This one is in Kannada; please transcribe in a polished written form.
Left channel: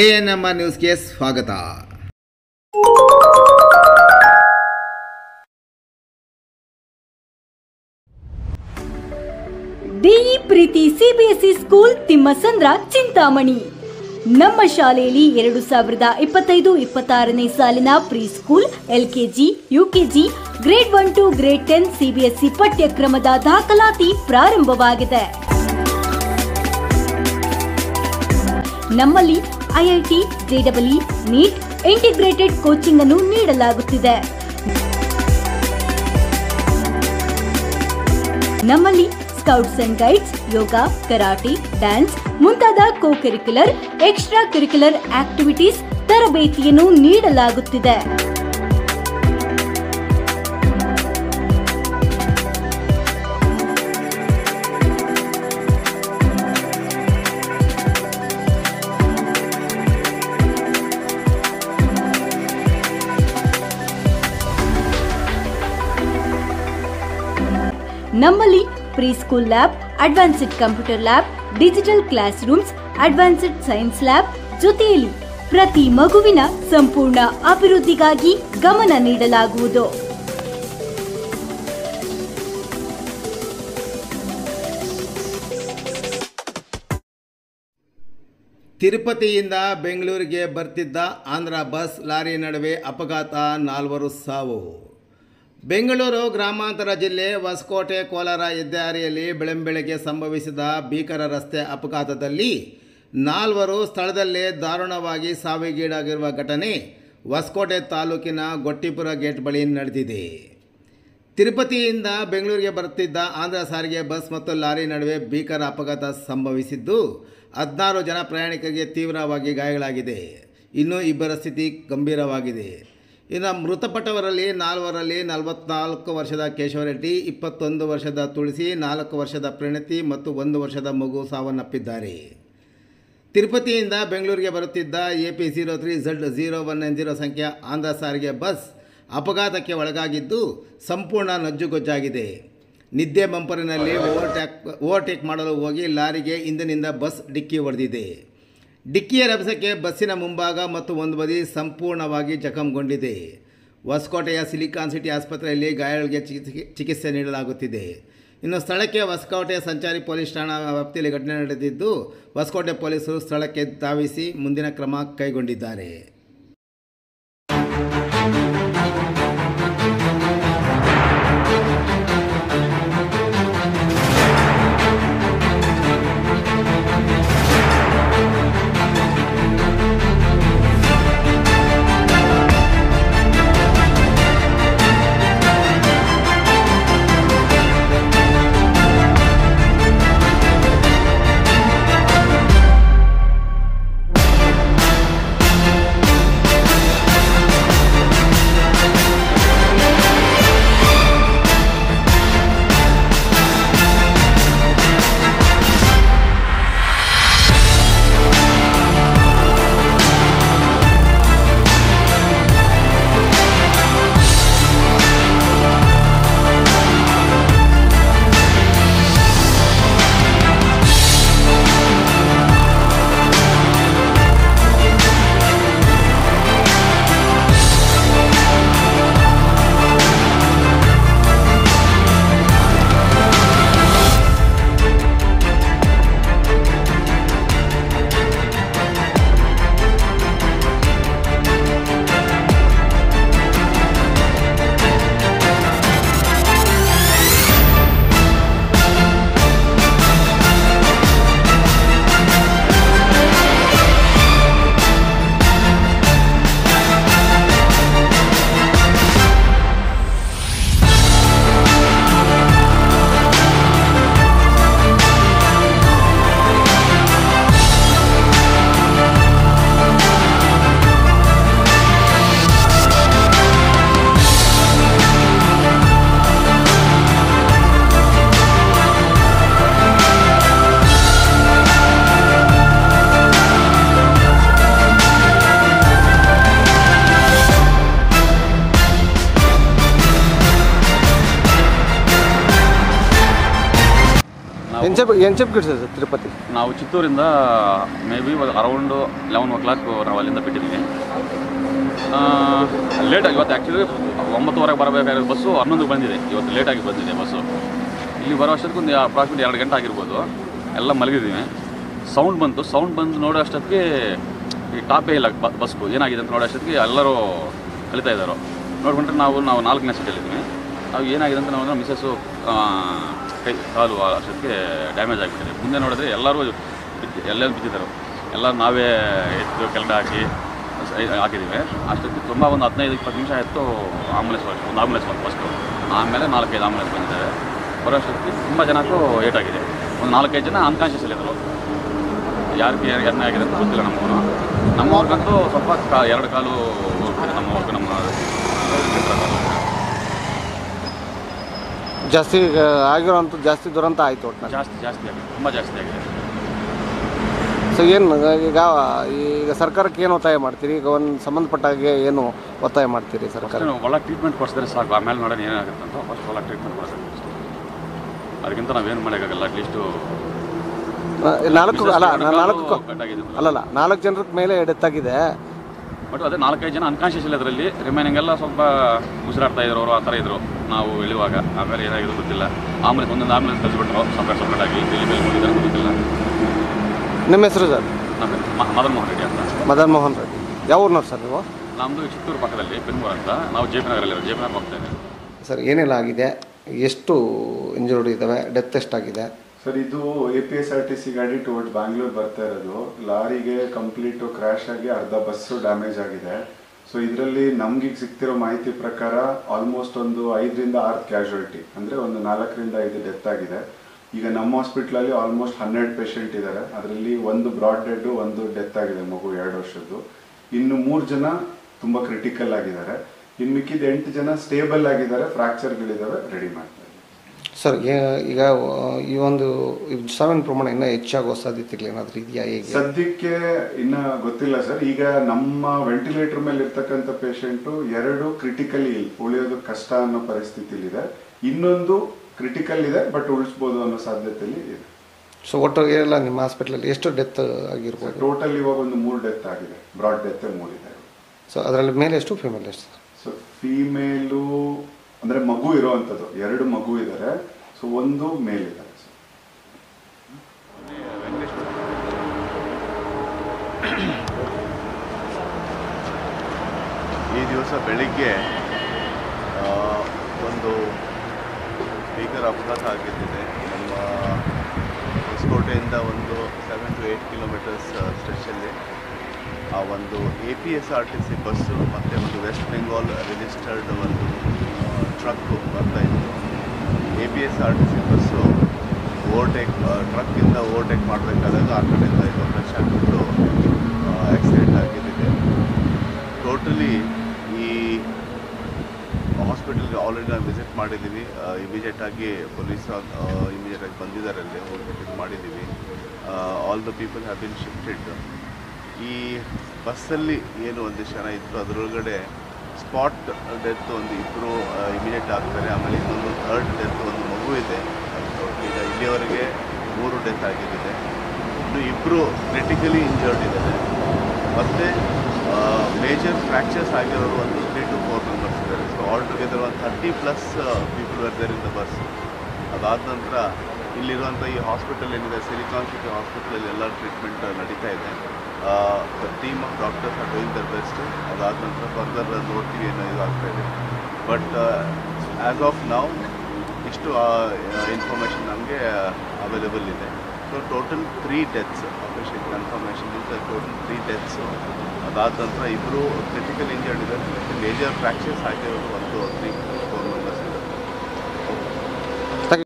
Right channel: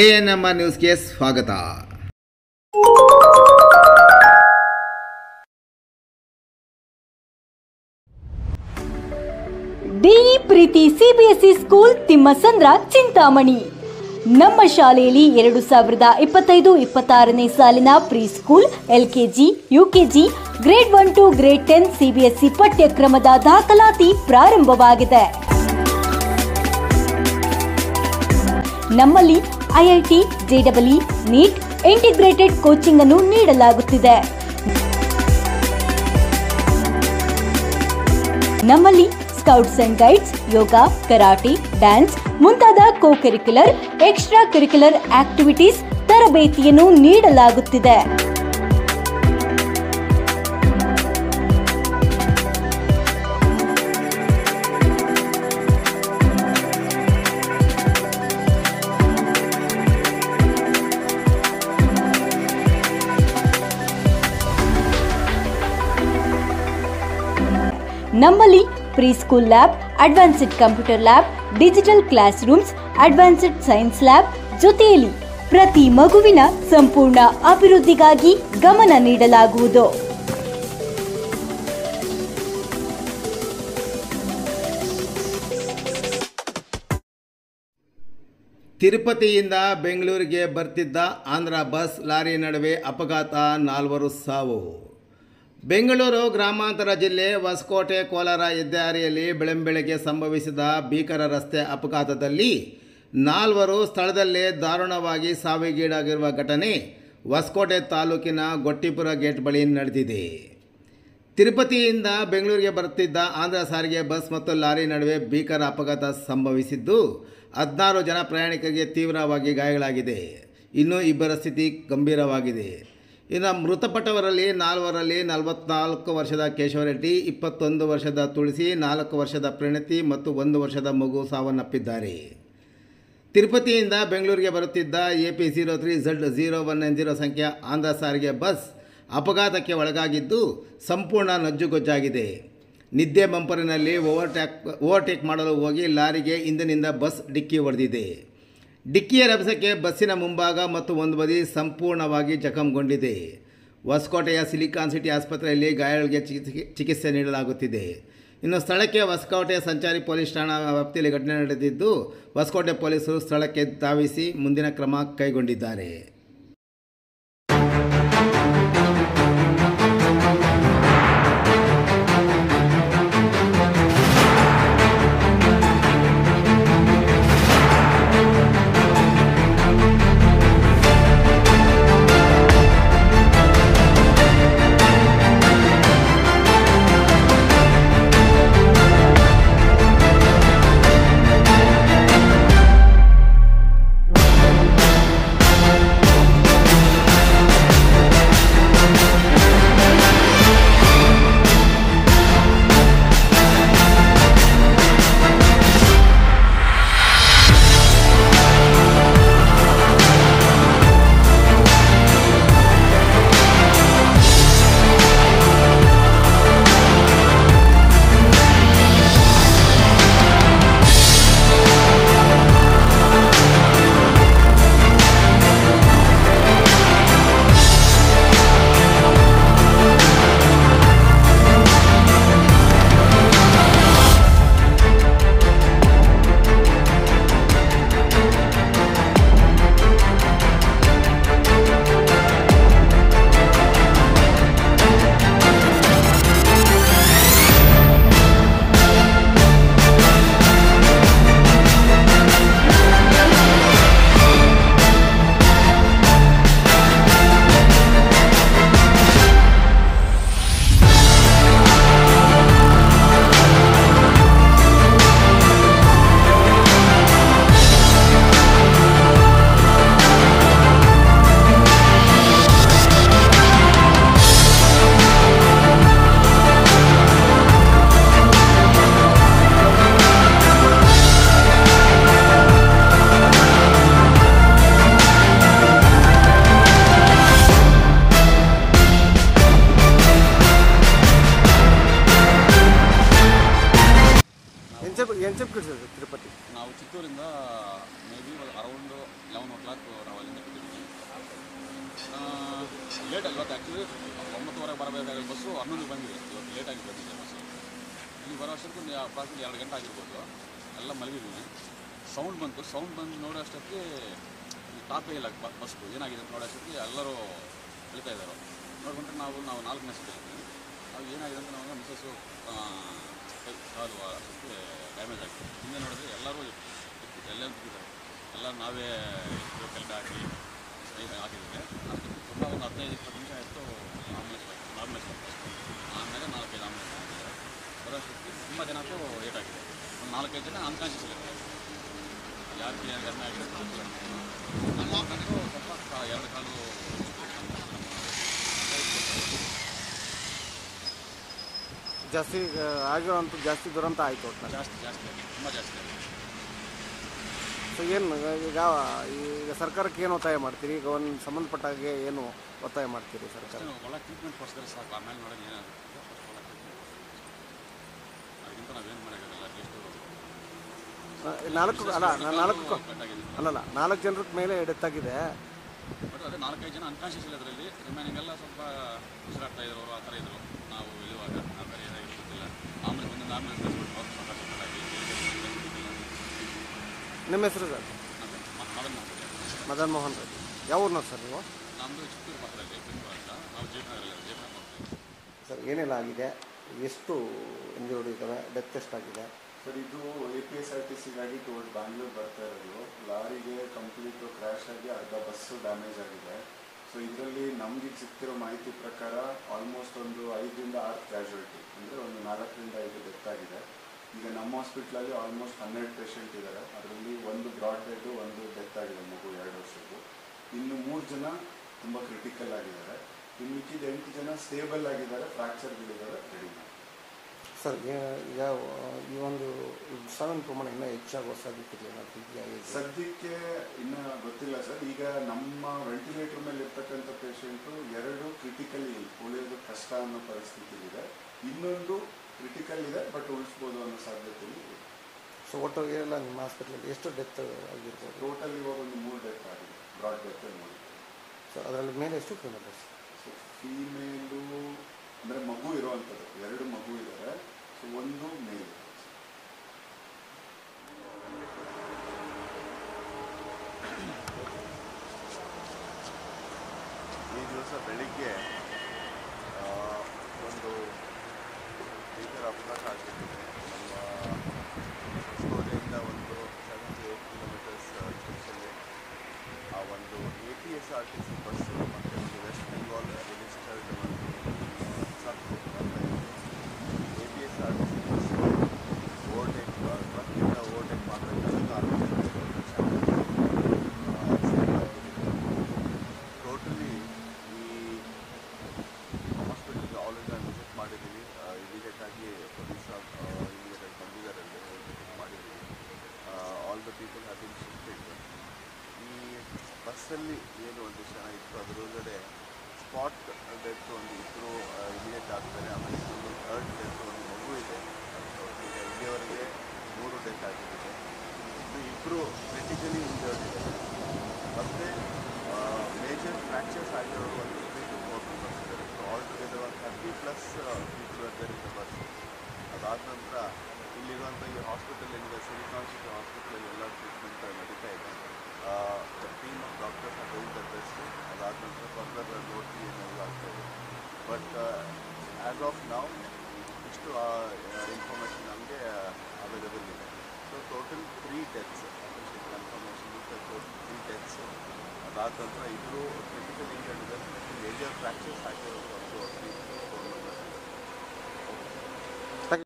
ಎಎನ್ಎಂಆರ್ ನ್ಯೂಸ್ಗೆ ಸ್ವಾಗತ. DE Preethi CBSE school Thimmasandra Chintamani. ನಮ್ಮ ಶಾಲೆಯಲ್ಲಿ 2025-26ನೇ ಸಾಲಿನ pre school, LKG, UKG, grade 1 to grade 10 CBSE ಪಠ್ಯಕ್ರಮದ ದಾಖಲಾತಿ ಪ್ರಾರಂಭವಾಗಿದೆ. ನಮ್ಮಲ್ಲಿ IIT, JEE, NEET, integrated coaching ಅನ್ನು ನೀಡಲಾಗುತ್ತಿದೆ. ನಮ್ಮಲ್ಲಿ scouts and guides, yoga, karate, dance ಮುಂತಾದ co curricular, extra curricular activities ತರಬೇತಿಯನ್ನು ನೀಡಲಾಗುತ್ತಿದೆ. ನಮ್ಮಲ್ಲಿ pre school lab, advanced computer lab, digital classrooms, advanced science lab ಜೊತೆಯಲ್ಲಿ ಪ್ರತಿ ಮಗುವಿನ ಸಂಪೂರ್ಣ ಅಭಿವೃದ್ಧಿಗಾಗಿ ಗಮನ ನೀಡಲಾಗುವುದು. ತಿರುಪತಿಯಿಂದ ಬೆಂಗಳೂರಿಗೆ ಬರ್ತಿದ್ದ ಆಂಧ್ರ ಬಸ್ ಲಾರಿ ನಡುವೆ ಅಪಘಾತ, 4 ಸಾವು. ಬೆಂಗಳೂರು ಗ್ರಾಮಾಂತರ ಜಿಲ್ಲೆ ಹೊಸಕೋಟೆ ಕೋಲಾರ ಹೆದ್ದಾರಿಯಲ್ಲಿ ಬೆಳಂಬೆಳಗ್ಗೆ ಸಂಭವಿಸಿದ ಭೀಕರ ರಸ್ತೆ ಅಪಘಾತದಲ್ಲಿ 4 ಸ್ಥಳದಲ್ಲೇ ದಾರುಣವಾಗಿ ಸಾವಿಗೀಡಾಗಿರುವ ಘಟನೆ ಹೊಸಕೋಟೆ ತಾಲೂಕಿನ ಗೊಟ್ಟಿಪುರ ಗೇಟ್ ಬಳಿ ನಡೆದಿದೆ. ತಿರುಪತಿಯಿಂದ ಬೆಂಗಳೂರಿಗೆ ಬರುತ್ತಿದ್ದ ಆಂಧ್ರ ಸಾರಿಗೆ ಬಸ್ ಮತ್ತು ಲಾರಿ ನಡುವೆ ಭೀಕರ ಅಪಘಾತ ಸಂಭವಿಸಿದ್ದು 16 ಜನ ಪ್ರಯಾಣಿಕರಿಗೆ ತೀವ್ರವಾಗಿ ಗಾಯಗಳಾಗಿದೆ. ಇನ್ನೂ 2 ಸ್ಥಿತಿ ಗಂಭೀರವಾಗಿದೆ. ಇನ್ನು ಮೃತಪಟ್ಟವರಲ್ಲಿ 4ರಲ್ಲಿ 44 ವರ್ಷದ ಕೇಶವರೆಡ್ಡಿ, 21 ವರ್ಷದ ತುಳಸಿ, 4 ವರ್ಷದ ಪ್ರಣತಿ ಮತ್ತು 1 ವರ್ಷದ ಮಗು ಸಾವನ್ನಪ್ಪಿದ್ದಾರೆ. ತಿರುಪತಿಯಿಂದ ಬೆಂಗಳೂರಿಗೆ ಬರುತ್ತಿದ್ದ AP03Z0190 ಸಂಖ್ಯೆಯ ಆಂಧ್ರ ಸಾರಿಗೆ ಬಸ್ ಅಪಘಾತಕ್ಕೆ ಒಳಗಾಗಿದ್ದು ಸಂಪೂರ್ಣ ನಜ್ಜುಗೊಜ್ಜಾಗಿದೆ. ನಿದ್ದೆ ಬಂಪರಿನಲ್ಲಿ ಓವರ್ಟೇಕ್ ಮಾಡಲು ಹೋಗಿ ಲಾರಿಗೆ ಹಿಂದಿನಿಂದ ಬಸ್ ಡಿಕ್ಕಿ ಹೊಡೆದಿದೆ. ಡಿಕ್ಕಿಯ ರಭಸಕ್ಕೆ ಬಸ್ಸಿನ ಮುಂಭಾಗ ಮತ್ತು ಒಂದು ಬದಿ ಸಂಪೂರ್ಣವಾಗಿ ಜಖಂಗೊಂಡಿದೆ. ಹೊಸಕೋಟೆಯ ಸಿಲಿಕಾನ್ ಸಿಟಿ ಆಸ್ಪತ್ರೆಯಲ್ಲಿ ಗಾಯಾಳುಗಳಿಗೆ ಚಿಕಿತ್ಸೆ ನೀಡಲಾಗುತ್ತಿದೆ. ಇನ್ನು ಸ್ಥಳಕ್ಕೆ ಹೊಸಕೋಟೆ ಸಂಚಾರಿ ಪೊಲೀಸ್ ಠಾಣಾ ವ್ಯಾಪ್ತಿಯಲ್ಲಿ ಘಟನೆ ನಡೆದಿದ್ದು ಹೊಸಕೋಟೆ ಪೊಲೀಸರು ಸ್ಥಳಕ್ಕೆ ಧಾವಿಸಿ ಮುಂದಿನ ಕ್ರಮ ಕೈಗೊಂಡಿದ್ದಾರೆ. ಏನು ಚಿಪ್ ಸರ್ ತಿರುಪತಿ? ನಾವು ಚಿತ್ತೂರಿಂದ ಮೇ ಬಿ ಅರೌಂಡು 11 o'clock ನಾವು ಅಲ್ಲಿಂದ ಬಿಟ್ಟಿದ್ದೀವಿ. ಲೇಟಾಗಿ ಇವತ್ತು ಆ್ಯಕ್ಚುಲಿ 9:15 ಬರಬೇಕಾಗಿರೋ ಬಸ್ಸು 11 ಬಂದಿದೆ. ಇವತ್ತು ಲೇಟಾಗಿ ಬಂದಿದೆ ಬಸ್ಸು. ಇಲ್ಲಿ ಬರೋ ಅಷ್ಟೊತ್ತಿಗೆ ಒಂದು ಅಪ್ರಾಕ್ಸಿಮೇಟ್ 2 ಗಂಟೆ ಆಗಿರ್ಬೋದು. ಎಲ್ಲ ಮಲಗಿದ್ದೀವಿ. ಸೌಂಡ್ ಬಂದು ನೋಡೋ ಅಷ್ಟೊತ್ತಿಗೆ ಈ ಟಾಪೇ ಇಲ್ಲ ಬಸ್ಸು ಏನಾಗಿದೆ ಅಂತ ನೋಡೋ ಅಷ್ಟೊತ್ತಿಗೆ ಎಲ್ಲರೂ ಕಲಿತಾ ಇದ್ದಾರೋ. ನೋಡ್ಕೊಂಡ್ರೆ ನಾವು 4ನೇ ಸೀಟಲ್ಲಿದ್ದೀವಿ. ನಾವು ಏನಾಗಿದೆ ಅಂತ ನಾವು ಮಿಸ್ಸಸ್ಸು ಕಾಲು ಅಷ್ಟೊತ್ತಿಗೆ ಡ್ಯಾಮೇಜ್ ಆಗಿಬಿಟ್ಟಿದೆ. ಮುಂದೆ ನೋಡಿದ್ರೆ ಎಲ್ಲರೂ ಬಿದ್ದಿದ್ದರು. ಎಲ್ಲ ನಾವೇ ಎತ್ತು ಕೆಳಗಡೆ ಹಾಕಿದ್ದೀವಿ. ಅಷ್ಟೊತ್ತಿಗೆ ತುಂಬ ಒಂದು 15-20 ನಿಮಿಷ ಆಯಿತು. ಒಂದು ಆಂಬುಲೆನ್ಸ್ ಬಂತು ಫಸ್ಟು. ಆಮೇಲೆ 4-5 ಆಂಬುಲೆನ್ಸ್ ಬಂದಿದ್ದಾವೆ. ಬರೋ ಅಷ್ಟೊತ್ತಿಗೆ ತುಂಬ ಜನಕ್ಕೂ ಏಟಾಗಿದೆ. ಒಂದು 4-5 ಜನ ಅನ್ಕಾನ್ಷಿಯಸ್ಸಲ್ಲಿದ್ದರು. ಯಾರಿಗೆ ಏನೇ ಆಗಿದೆ ಅಂತ ಗೊತ್ತಿಲ್ಲ. ನಮ್ಮವ್ರಿಗಂತೂ ಸ್ವಲ್ಪ 2 ಕಾಲು ನಮ್ಮ ಜಾಸ್ತಿ ಆಗಿರೋಂಥ ಜಾಸ್ತಿ ದುರಂತ ಆಯಿತು. ಜಾಸ್ತಿ ಆಗಿದೆ, ತುಂಬ ಜಾಸ್ತಿ ಆಗಿದೆ. ಸೊ ಏನು ಈಗ ಸರ್ಕಾರಕ್ಕೆ ಏನು ಒತ್ತಾಯ ಮಾಡ್ತೀರಿ? ಈಗ ಒಂದು ಸಂಬಂಧಪಟ್ಟಾಗೆ ಏನು ಒತ್ತಾಯ ಮಾಡ್ತೀರಿ ಸರ್ಕಾರ? ಒಳ್ಳೆ ಟ್ರೀಟ್ಮೆಂಟ್ ಕೊಡಿಸಿದ್ರೆ ಸಾಕು. ಆಮೇಲೆ ನೋಡೋಣ ಏನಾಗುತ್ತೆ ಅಂತ. ಫಸ್ಟ್ ಒಳ್ಳೆ ಟ್ರೀಟ್ಮೆಂಟ್ ಕೊಡಿಸ್ಬೇಕು. ಅದಕ್ಕಿಂತ ನಾವೇನು ಮಾಡೋಕ್ಕಾಗಲ್ಲ. ಅಟ್ಲೀಸ್ಟು 4 ಜನರ ಮೇಲೆ ಡೆತ್ ಆಗಿದೆ. ಬಟ್ ಅದೇ 4-5 ಜನ ಅನ್ಕಾನ್ಷಿಯಸ್ ಇಲ್ಲ. ಅದರಲ್ಲಿ ರಿಮೈನಿಂಗ್ ಎಲ್ಲ ಸ್ವಲ್ಪ ಉಸಿರಾಡ್ತಾ ಇದ್ರು. ಅವರು ಆ ಥರ ಇದ್ರು ನಾವು ಇಳುವಾಗ. ಆಮೇಲೆ ಏನಾಗಿದ್ರು ಗೊತ್ತಿಲ್ಲ. ಒಂದೊಂದು ಆಂಬುಲೆನ್ಸ್ ಕಳಿಸ್ಬಿಟ್ರು ಸಪ್ರೇಟ್ ಆಗಿ. ಗೊತ್ತಿಲ್ಲ. ನಿಮ್ಮ ಹೆಸರು ಸರ್? ಮದನ್ ಮೋಹನ್ ರೆಡ್ಡಿ ಅಂತ. ಮದನ್ ಮೋಹನ್ ರೆಡ್ಡಿ. ಯಾವ ಊರಿನವ್ರು ಸರ್ ನೀವು? ನಮ್ಮದು ಚಿತ್ತೂರು ಪಕ್ಕದಲ್ಲಿ ಪೆನ್ಮೂರು ಅಂತ. ನಾವು ಜೆ ಪಿ ನಗರ್ ಹೋಗ್ತಾ ಇದ್ದೀವಿ. ಸರ್ ಏನೆಲ್ಲ ಆಗಿದೆ? ಎಷ್ಟು ಇಂಜುರ್ಡ್ ಇದ್ದಾವೆ? ಡೆತ್ ಎಷ್ಟಾಗಿದೆ ಸರ್? ಇದು APSRTC ಗಾಡಿ ಟುವರ್ಡ್ಸ್ ಬ್ಯಾಂಗ್ಳೂರ್ ಬರ್ತಾ ಇರೋದು. ಲಾರಿಗೆ ಕಂಪ್ಲೀಟ್ ಕ್ರಾಶ್ ಆಗಿ ಅರ್ಧ ಬಸ್ಸು ಡ್ಯಾಮೇಜ್ ಆಗಿದೆ. ಸೊ ಇದರಲ್ಲಿ ನಮ್ಗೆ ಸಿಗ್ತಿರೋ ಮಾಹಿತಿ ಪ್ರಕಾರ ಆಲ್ಮೋಸ್ಟ್ ಒಂದು 5ರಿಂದ 6 ಕ್ಯಾಶುಯಾಲಿಟಿ, ಅಂದ್ರೆ ಒಂದು 4ರಿಂದ 5 ಡೆತ್ ಆಗಿದೆ. ಈಗ ನಮ್ಮ ಹಾಸ್ಪಿಟಲ್ ಅಲ್ಲಿ ಆಲ್ಮೋಸ್ಟ್ 12 ಪೇಷಂಟ್ ಇದ್ದಾರೆ. ಅದರಲ್ಲಿ ಒಂದು ಬ್ರಾಡ್ ಡೆಡ್, ಒಂದು ಡೆತ್ ಆಗಿದೆ, ಮಗು 2 ವರ್ಷದ್ದು. ಇನ್ನು 3 ಜನ ತುಂಬಾ ಕ್ರಿಟಿಕಲ್ ಆಗಿದ್ದಾರೆ. ಇನ್ನು ಮಿಕ್ಕಿದ 8 ಜನ ಸ್ಟೇಬಲ್ ಆಗಿದ್ದಾರೆ. ಫ್ರಾಕ್ಚರ್ಗಳಿದಾವೆ, ರೆಡಿ ಮಾಡ್ತಾರೆ. ಸರ್ ಈಗ ಈ ಒಂದು ಸಾವಿನ ಪ್ರಮಾಣ ಇನ್ನೂ ಹೆಚ್ಚಾಗುವ ಸಾಧ್ಯತೆಗಳು ಏನಾದರೂ ಇದೆಯಾ? ಸದ್ಯಕ್ಕೆ ಇನ್ನ ಗೊತ್ತಿಲ್ಲ ಸರ್. ಈಗ ನಮ್ಮ ವೆಂಟಿಲೇಟರ್ ಮೇಲೆ ಇರ್ತಕ್ಕಂಥ ಪೇಷಂಟ್ 2 ಕ್ರಿಟಿಕಲಿ ಉಳಿಯೋದು ಕಷ್ಟ ಅನ್ನೋ ಪರಿಸ್ಥಿತಿಲಿದೆ. ಇನ್ನೊಂದು ಕ್ರಿಟಿಕಲ್ ಇದೆ, ಬಟ್ ಉಳಿಸಬಹುದು ಅನ್ನೋ ಸಾಧ್ಯತೆಯಲ್ಲಿ ಇದೆ. ಸೊ ಒಟ್ಟು ಎಲ್ಲ ನಿಮ್ಮ ಹಾಸ್ಪಿಟಲ್ ಎಷ್ಟು ಡೆತ್ ಆಗಿರ್ಬೋದು? ಟೋಟಲ್ ಇವಾಗ ಒಂದು 3 ಡೆತ್ ಆಗಿದೆ. ಬ್ರಾಡ್ ಡೆತ್ 3 ಇದೆ. ಸೊ ಅದರಲ್ಲಿ ಮೇಲೆ ಎಷ್ಟು, ಫಿಮೇಲ್ ಎಷ್ಟು? ಸೊ ಫಿಮೇಲು ಅಂದ್ರೆ ಮಗು ಇರೋವಂಥದ್ದು 2 ಮಗು ಇದ್ದಾರೆ. ಸೊ ಒಂದು ಮೇಲ್ ಇದ್ದಾರೆ. ಈ ದಿವಸ ಬೆಳಿಗ್ಗೆ ಒಂದು ಭೀಕರ ಅಪಘಾತ ಆಗಿದ್ದಿದೆ. ನಮ್ಮ ಹೊಸಕೋಟೆಯಿಂದ ಒಂದು 7 to 8 kilometers ಸ್ಟ್ರೆಚಲ್ಲಿ ಆ ಒಂದು APSRTC ಬಸ್ಸು ಮತ್ತು ಒಂದು ವೆಸ್ಟ್ ಬೆಂಗಾಲ್ ರಿಜಿಸ್ಟರ್ಡ್ ಒಂದು ಟ್ರಕ್ಕು ಬರ್ತಾಯಿತ್ತು. APSRTC ಬಸ್ಸು ಟ್ರಕ್ಕಿಂದ ಓವರ್ಟೇಕ್ ಮಾಡಬೇಕಾದಾಗ ಆ ಕಡೆಯಿಂದ ಇದು ಟಚ್ ಆಗಿಬಿಟ್ಟು ಆಕ್ಸಿಡೆಂಟ್ ಆಗಿದ್ದಿದೆ. ಟೋಟಲಿ ಈ ಹಾಸ್ಪಿಟಲ್ಗೆ ಆಲ್ರೆಡಿ ನಾವು ವಿಸಿಟ್ ಮಾಡಿದ್ದೀವಿ. ಇಮಿಡಿಯೇಟಾಗಿ ಪೊಲೀಸ್ ಇಮಿಡಿಯೇಟಾಗಿ ಬಂದಿದ್ದಾರೆ, ಅಲ್ಲಿ ಹೋಗ್ಬಿಟ್ಟು ಇದು ಮಾಡಿದ್ದೀವಿ. All the people have been shifted. ಈ ಬಸ್ಸಲ್ಲಿ ಏನು ಒಂದಿಷ್ಟು ಜನ ಇತ್ತು, ಅದರೊಳಗಡೆ ಸ್ಪಾಟ್ ಡೆತ್ ಒಂದು 2 ಇಮಿಡಿಯೇಟ್ ಆಗ್ತಾರೆ. ಆಮೇಲೆ ಇನ್ನೊಂದು 3rd ಡೆತ್ ಒಂದು ಮಗು ಇದೆ. ಈಗ ಇಲ್ಲಿಯವರೆಗೆ 3 ಡೆತ್ ಆಗಿದ್ದಿದೆ. ಇನ್ನು 2 ಕ್ರಿಟಿಕಲಿ ಇಂಜರ್ಡ್ ಇದ್ದಾರೆ. ಮತ್ತು ಮೇಜರ್ ಫ್ರ್ಯಾಕ್ಚರ್ಸ್ ಆಗಿರೋರು ಒಂದು 3 to 4 ಮೆಂಬರ್ಸ್ ಇದ್ದಾರೆ. ಸೊ ಆಲ್ ಟುಗೆದರ್ ಒಂದು 30+ people were there in the bus. ಅದಾದ ನಂತರ ಇಲ್ಲಿರುವಂಥ ಈ ಹಾಸ್ಪಿಟಲ್ ಏನಿದೆ, ಸಿಲಿಕಾನ್ ಸಿಟಿ ಹಾಸ್ಪಿಟಲಲ್ಲಿ ಎಲ್ಲ ಟ್ರೀಟ್ಮೆಂಟ್ ನಡೀತಾ ಇದೆ. The team of doctors are doing their best. ಅದಾದ ನಂತರ ಫರ್ದರ್ ನೋಡ್ತೀವಿ ಏನೋ ಇದು ಆಗ್ತಾ ಇದೆ. ಬಟ್ ಆ್ಯಸ್ ಆಫ್ ನೌ ಇಷ್ಟು ಇನ್ಫಾರ್ಮೇಷನ್ ನಮಗೆ ಅವೈಲೇಬಲ್ ಇದೆ. So total 3 deaths official confirmation is total 3 deaths. ಅದಾದ ನಂತರ 2 ಕ್ರಿಟಿಕಲ್ ಇಂಜರ್ಡ್ ಇದ್ದಾರೆ. ಮೇಜರ್ ಫ್ರ್ಯಾಕ್ಚರ್ಸ್ ಆಗಿರೋದು 1 to 3.